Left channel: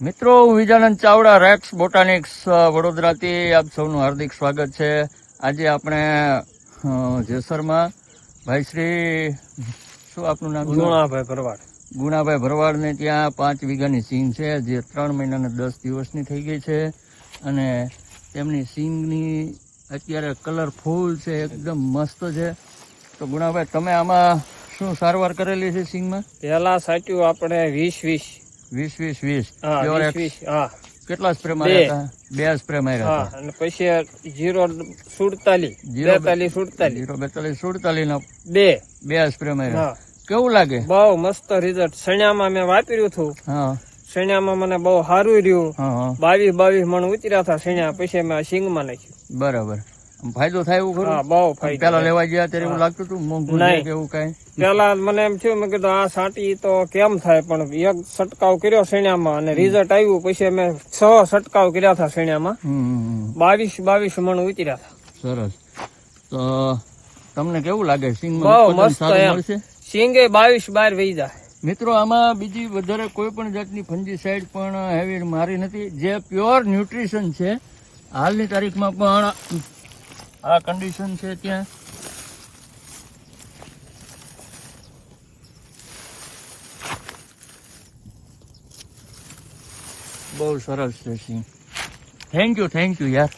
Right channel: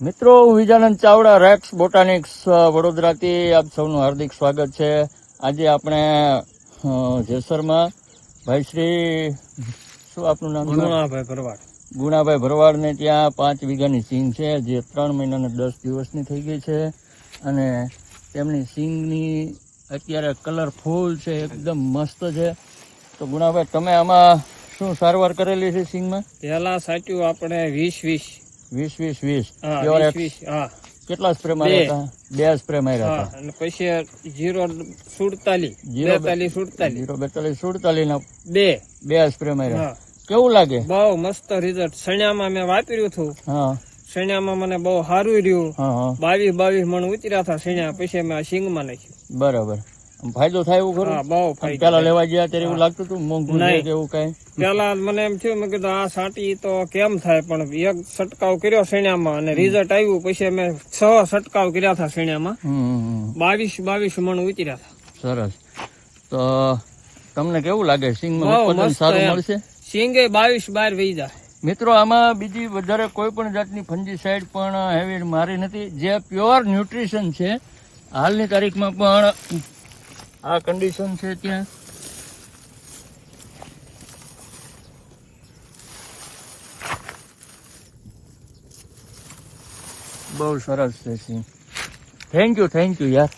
મિત્રો, હું વિજાનંદ ચાવડા, રેપ્સ બોટાનિક્સ વડોદરાથી આપ સૌનું હાર્દિક સ્વાગત છે. આજે આપણે જેસરમાં ભાઈ શ્રી શું આપનું નામ? ગુણાભાઈ ભરવાડ. ગુણાભાઈ ભરવાડને ત્યાં 5 વીઘાની સિંગ છે, જે 3 મહિના અને 10 દિવસની થઈ ગઈ છે. અને તેમની સિંગની અત્યારે કલરફુલ છે, એકદમ મસ્ત છે. તો ગુણાભાઈ, તમે આમાં શું સારવાર કરેલી છે સિંગમાં? પેલા સાચ્યું આપણે 20-20. 20-20-20. હા, 20-20. હા, કેટલા સ્પ્રે માર્યા? 2 સ્પ્રે માર્યા. હા, અને પછી 0-47, 42-47, 0-42-47 ના 2 સ્પ્રે માર્યા. હા, કેવું લાગે? બહુ મસ્ત રિઝલ્ટ. સણિયામાં મેં વાપર્યું હતું. હા, સણિયામાં મને બહુ સારું રહ્યું. હા, 22 મણ ઉતર્યા હતા સણિયા. પછી મેં સિંગમાં નાખ્યું. બરાબર. ફાયદો થાય એવું ખરું? હા, બહુ ફાયદો. પેલા લેવા ગયા ત્યારે એવું લાગતું હતું મોંઘું નહીં. છે કે એવું કઈ? પેલા મને એમ થયું, મેં કીધું આ સાટી તો કેમ થાય, પણ એક છંટકાવ કર્યો સણિયામાં અને રિઝલ્ટ આવ્યું. પછી અમે 6 છંટકાવ કર્યા હતા સણિયામાં. 22 મણ ઉતર્યા હતા. સરસ. તો તમને કેવું લાગે સિંગ? બહુ મસ્ત એમ. સિંગે 22 વહી જાય. મિત્રો, આમાં બીજી વધારે કોઈ પણ જાતની ફંજીસાઇડ પણ હેવી મારી નથી. જે પ્યોર ન્યુટ્રિશન છે. હાલની તારીખમાં પણ આ કન્ડિશન છે ત્યાં. બહુ સરસ છે સિંગ. થેન્ક યુ યાર.